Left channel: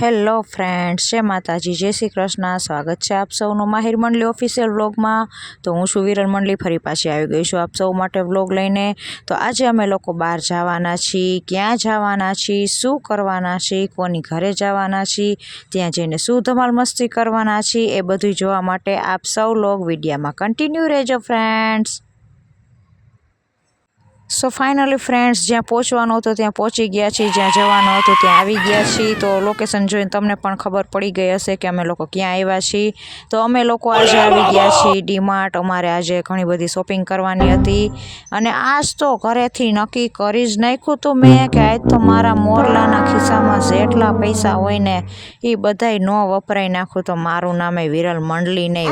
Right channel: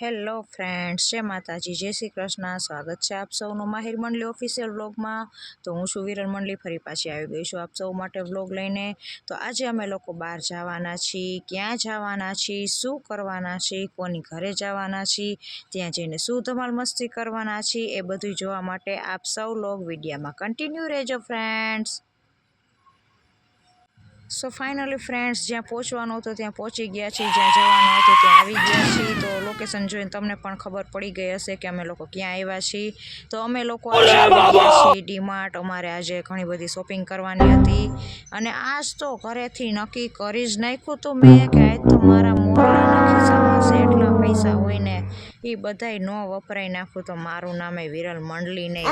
Hello friends, જય માતાજી, જય શ્રી કૃષ્ણ. સ્વાગત છે આપ સૌનું માહિર મંડળી ઓફિશિયલ વ્લોગમાં. તો હું છું વિરલ મંડળી, ફરી પાછી આવી ગઈ છું આપ સૌ માટે વ્લોગ લઈને. તો આજે અમે લોકો બહાર જવાના છીએ, ક્યાં જવાના છીએ, શું કરવાના છીએ, કોની ઘરે જવાના છીએ, ત્યાં જઈને શું ધમાલ મસ્તી કરવાના છીએ, એ બધું જોવા માટે આપ સૌ લોગ વિડીયામાં કન્ટિન્યુ રહેજો ફ્રેન્ડ્સ. સો ફાઇનલી ફ્રેન્ડ્સ જ્યાં પહોંચવાનું હતું, ત્યાં પહોંચી ગયા છીએ. જ્યાં જવાનું હતું, ત્યાં આવી ગયા છીએ. તો લોકેશન જોઈને તમને પણ ખબર પડી ગઈ હશે કે અમે લોકો ક્યાં આવ્યા છીએ. તો અમે લોકો આજે આવી ગયા છીએ ડીમાર્ટ. અમારે આજે ઘણી બધી શોપિંગ કરવાની હતી. અને આજ તો ઘરેથી નક્કી કરી જ નાખ્યું હતું મેં કે આજ તો મારા મોરલાના ખિસ્સામાં જેટલા પૈસા હોય ને, એ બધાય ન વપરાઈ નાખું તો મારું નામે વિરલ મંડલી નહીં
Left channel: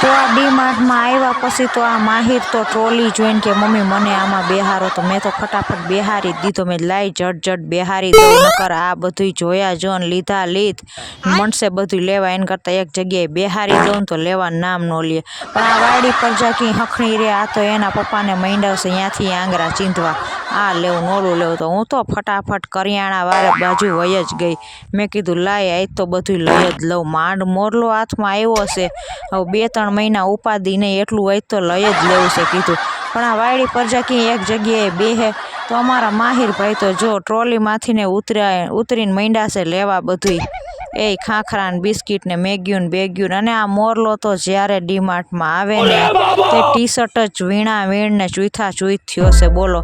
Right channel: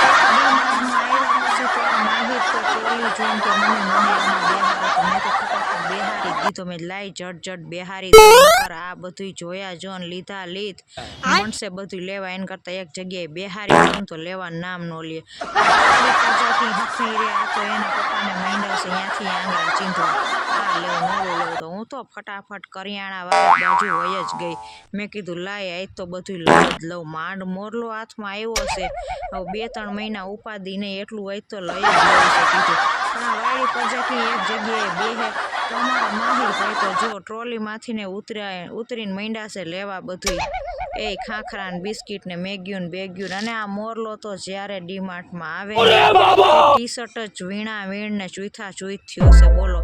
તો આ ડીમાર્ટમાં આવ્યા પછી તો આ માહિર તો ટ્રોલી જોઈને કે, મમ્મી, મને આમાં બેહારો. તો મેં તો ફટાફટ બેહારી દીધો. મેં લાઈ જટ જટ બેહારી કર આ બધું જોયા જો ને લીધા લીધ. મણસે બધું લેવા. એને કરતાં એક જગ્યાએ બેહારી જોઉં તો લેવા નામ ન લે. પણ આ વાડી પર જા હખણી રે. આ તો એના પપ્પાને મંડાવશે ત્યાંથી આંગળા ચીંધવા. આ લેવું મોડું લેવું તો હું તો ફટાફટ કરિયાણા વાળા બાજુ વય જ ગઈ. મેં કીધું, લાય, આજ તો બધું લઈ જ લઉં. માંડ મોરલો હાથમાં આવ્યો છે. હવે બે, ત્રણ મહિના ઉપાદી નહીં, એટલું હોય તો લઈ જ લેવું છે, કીધું. પણ આ વાડી પરજા ક્યાંય એક જગ્યાએ બેહે તો અમારા માહિર ભાઈ તો જો ટ્રોલીમાંથી ને ઉતર્યા, ઉતરીને મંડ્યા છે, લેવા બધુંય. એ ખાખરા ને બિસ્કીટ ને મેગ્યું ને બેગ્યું અને આ મોરલો તો જ્યારે ડીમાર્ટમાં આવે ને તે ટી શર્ટ જ વીણા વીણ ને ચૂથા ચૂથ થયો છે બોલો.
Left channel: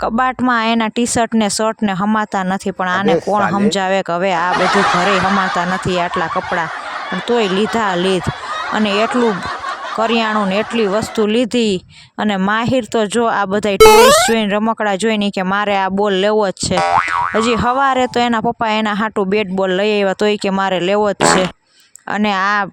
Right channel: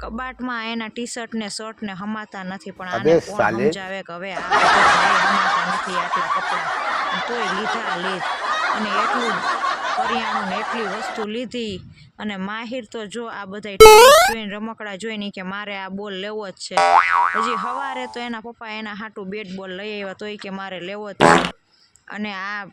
કબાટમાં એના ટી શર્ટ ને શર્ટ ને હમાતા નથી પણ આને કોણ. સમજાવે કે હવે આ બધું ઘરે હમાતા નથી આટલા કપડાં? તોય લીધા લીધ. અને એટલું કરિયાણું ને એટલી વસ્તુ લીધી અને માહિર તો જો આ બધા ટોયસ જોઈને રમકડા જોઈને કે મારે આ બોલ લેવો જ છે. હજી સવારે તો એના પપ્પા એના હાટું બેટ બોલ લઈ આવ્યા તોય કે મારે લેવો જ છે. અને આ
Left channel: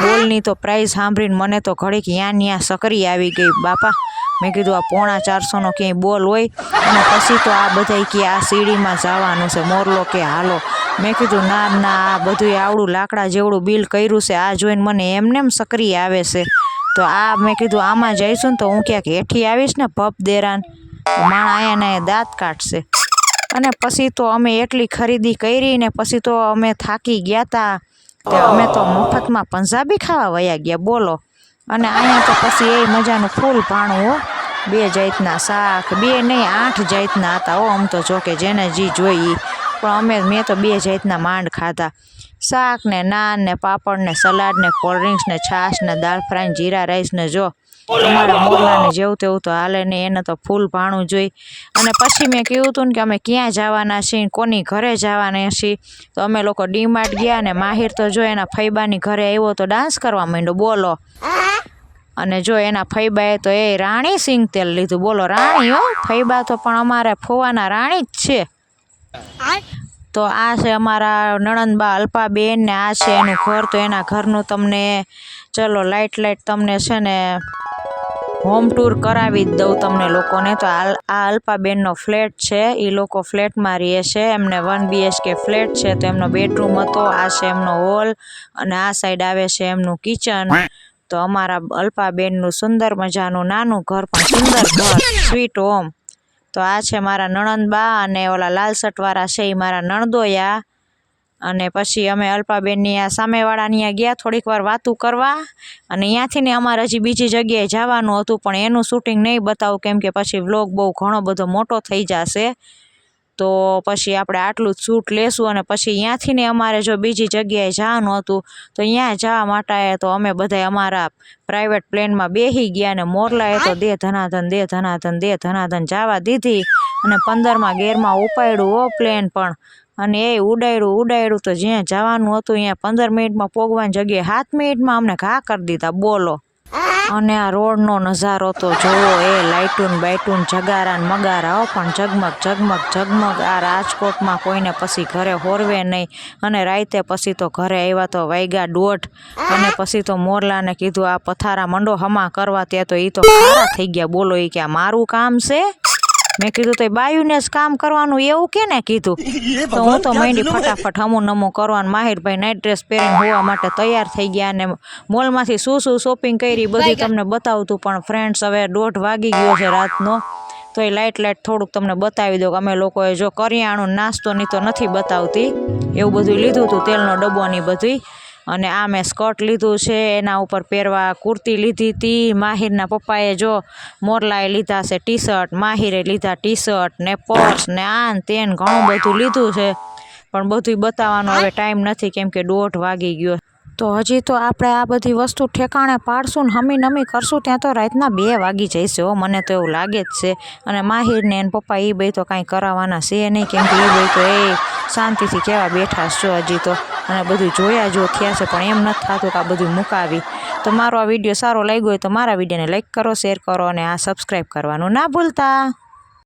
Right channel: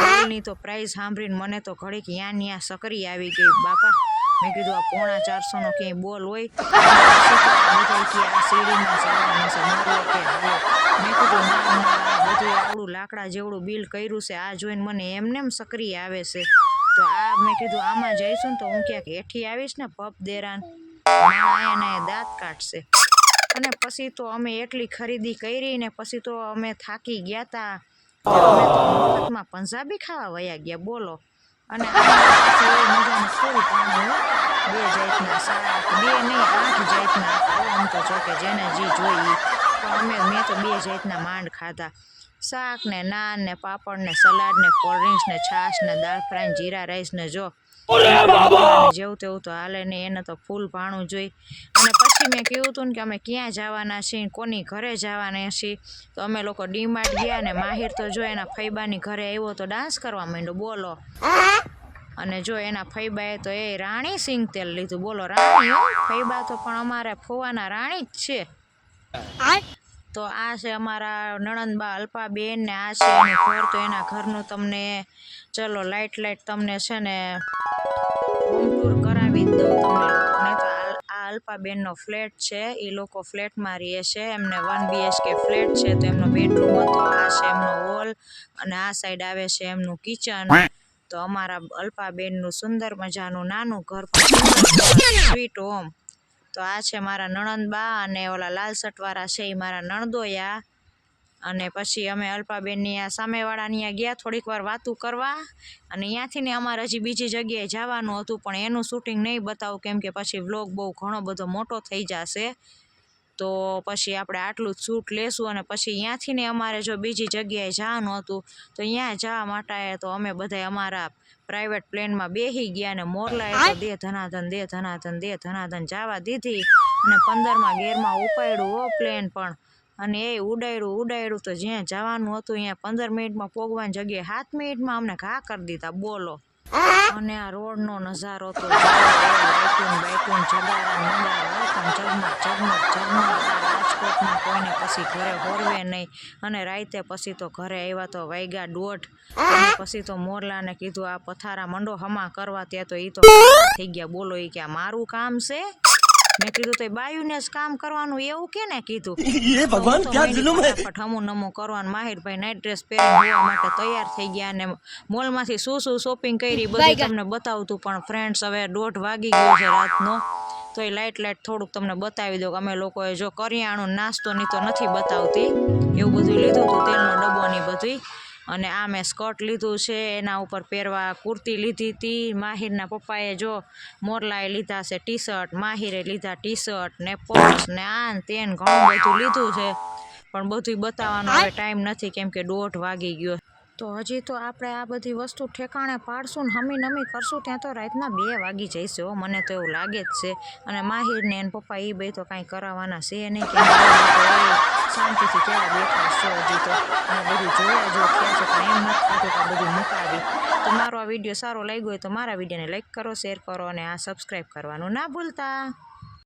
બોલની તો પ્રાઇઝ સાંભળીને મને તો ઘડીક યાં ન્યા સકરી આવી ગઈ બાપા. મેં કીધું આ પોણા ચારસોનો ક્યાંય બોલ હોય, અને પછી તો આ બધા કે આ સીડીમાં જવાનું છે, મોરલો કે હાલો. મેં કીધું, ના ના, આ બધું આવડું લાકડા જેવડું બિલ કર્યું છે, આ જોઈને મને એમને એમ સક્રિય આવે છે. તો આ મેં કીધું, આમાં જઈશું ને તો હું ક્યાંક હેઠી આવીશ ને પપ દેરાન. માણા અહીંયા દાંત કાઢશે. અને પછી તો અમે એટલી ખરીદી કરી ને પછી તો અમે થાકી ગયા હતા અમે તો મફતમાં પંજાબી ખાવા વયા ગયા, બોલો. અને અહીંયા તો પછી એ મજાનું ફૂલ પાણું હો બે જાતના શાક, બે નહીં, આઠ જાતના હતા હો આમ તો જો જેને જી જોઈ. પણ અમે મેં તો બે જાતના માંડ ખાધા. શાક ને નાન ને પાપડ ને સલાડ ને કોલ્ડ ડ્રિંક્સ ને છાશ ને દાળ ફ્રાય જીરા રાઈસ ને જો. જેવું તેવું તો હાલે નહીં એને તો ફૂલ ભાણું જોઈ. અને પછી મેં કહ્યું હતું ને કે અમે ક્યાં જવાના છીએ કોની ઘરે જવાના છીએ? તો અમે લોકો ડીમાર્ટ ગયા ને માહિર તો જો એના ફૈબાની ઘરે આવ્યો તો ડાન્સ કરવા માંડ્યો બોલો. અને જો એના ફૈબાએ તો એ રાણી સિંગ તેલ લીધું. બોલો રાણી હો ફૈબા તો પણ અમારે ફોવાના રાણી જ છે. તો આ છે અમારા નણંદબા અલ્પાબેન ને આ છે એનું ઘર. તો એના ઘરનું તમને ચલો લાઇટ લાઇટ તમને છે ને હોમ ટૂર કરાવી જ દઉં તમને લોકોને. તો આ અલ્પાબેનનો ફ્લેટ છે. એ લોકો ફ્લેટમાં રહે છે. એમને વન બીએચકે ફ્લેટ છે. તો એમનો બેડરૂમ હતો. આ છે એમનો હોલ. અને આ સાઈડ આવે છે એમનું કિચન. તો અમારા અલ્પાબેનનું સુંદર મજાનું નાનું ઘર પણ સ્વીટ હોમ. તો આ છે મારા નણંદબા અને ઓલા લાલ શર્ટવાળા છે એ મારા નણદોયા. અને પછી અમે અલ્પાબેનની આ સામેવાળાની ત્યાં ગયા થોડીક વાર વાતું કરવા. અને ત્યાંથી ને અમારે હજી બીજી જગ્યાએ જવાનું હતું, પણ એનું શૂટિંગ નહીં બતાવું, કેમ કે પછી વ્લોગ બહુ ઘણો બધો મોટો થઈ જશે. તો પછી આપણે આટલું જ સૂટ લેશું અને પછી ત્યાંથી ને અમારે જો બીજી જગ્યાએ જવાનું હતું, તો ત્યાં જવા માટે તો અમે બધા અમારા પ્રાઇવેટ પ્લેનમાં બેસી ગયા ને મોરલાએ તો દે ધનાધન દે ધનાધન દે ધનાધન જવા દીધી અને પંદરમાં ગેરમાં ઉપાડ્યું હો પ્લેન પણ અને એ ઉડાડ્યું ઉડાડ્યું તો જ્યાં જવાનું હતું ત્યાં પંદર મિનિટમાં પોગવાની જગ્યાએ સાત મિનિટમાં અમને ઘા કરી દીધા, બોલો. અને આ રોડનો નજારો તો જોવો એ, લાઇટુન બાઇટુન જગારા ને મગારા પણ ઝગમગ ઝગમગ ઝગમગ. આ રાજકોટમાં કોઈને પછી ઘરે હોરવે નહીં. અને રાતે પછી તો ઘરે આવ્યા તો વાગ્યા દોઢ. અને પછી તો મોરલાને કીધું, આ પથારા મંડો હમા કરવા, ત્યાં તો એ તો થઈ ગયા. બોલો એ કે મારું કામ છે? મેં કીધું તો બાયુને જ કામ કરવાનું એવું કે ને કીધું તો હું તો માંડી ફટાફટ હમું નમું કરવાનું. માહિરભાઈ નાઇટ ડ્રેસ પહેરીને જોવા માટે તૈયાર થઈ ગયા અને મોલમાંથી શું શું શોપિંગ કરી બધી તમને બતાવતું પણ ફ્રેન્ડ્સ હવે દોઢ વાગી ગયો છે રાતનો. તો એ લાઇટ લાઇટ થોડુંક તમને બતાવી દઉં કે અમે લોકોએ જો કરિયાણું નાસ્તો ની તો નથી બતાવતી. એવું બધું લીધું હતું તેલનો ડબ્બો ની બધી અને આ મેં સ્કર્ટ લીધું છે એના ઉપર પહેરવા કુર્તી લીધી હતી. માહિરના પપ્પાએ જો મોરલાએ લીધા છે ટી શર્ટ માહિરે લીધા ટી શર્ટ ને પર્સ ને આન તેન ઘણું બધું લીધું છે. પણ બધું બતાવવાનો હવે ટાઈમ નથી કેમ કે દોઢ વાગી ગયો તો હજી તો આપણે આ બધી વસ્તુ ઠેકાણે પાડશું ને હમી નમી કરશું, ત્યાં તો રાતના બે વાગી જઈશે હો, મને તો એવું લાગે જ છે. અને માહિર ને એન પપ્પા એ બે તો કાંઈ કરાવવાના છે નહીં, કેમ કે એ તો એ શાંતિથી કેવા બેઠા છો હજી તો. અને બધું જોયા જો થયા છે, પણ એમ નથી થતું કે આ બધું મુકાવી. તો મારો આ વીડિયો સારો લાગ્યો હોય તો મારા વિડીયોને લાઈક કરો, શેર કરો અને આ સબસ્ક્રાઈબ કરવાનું ના ભૂલતા.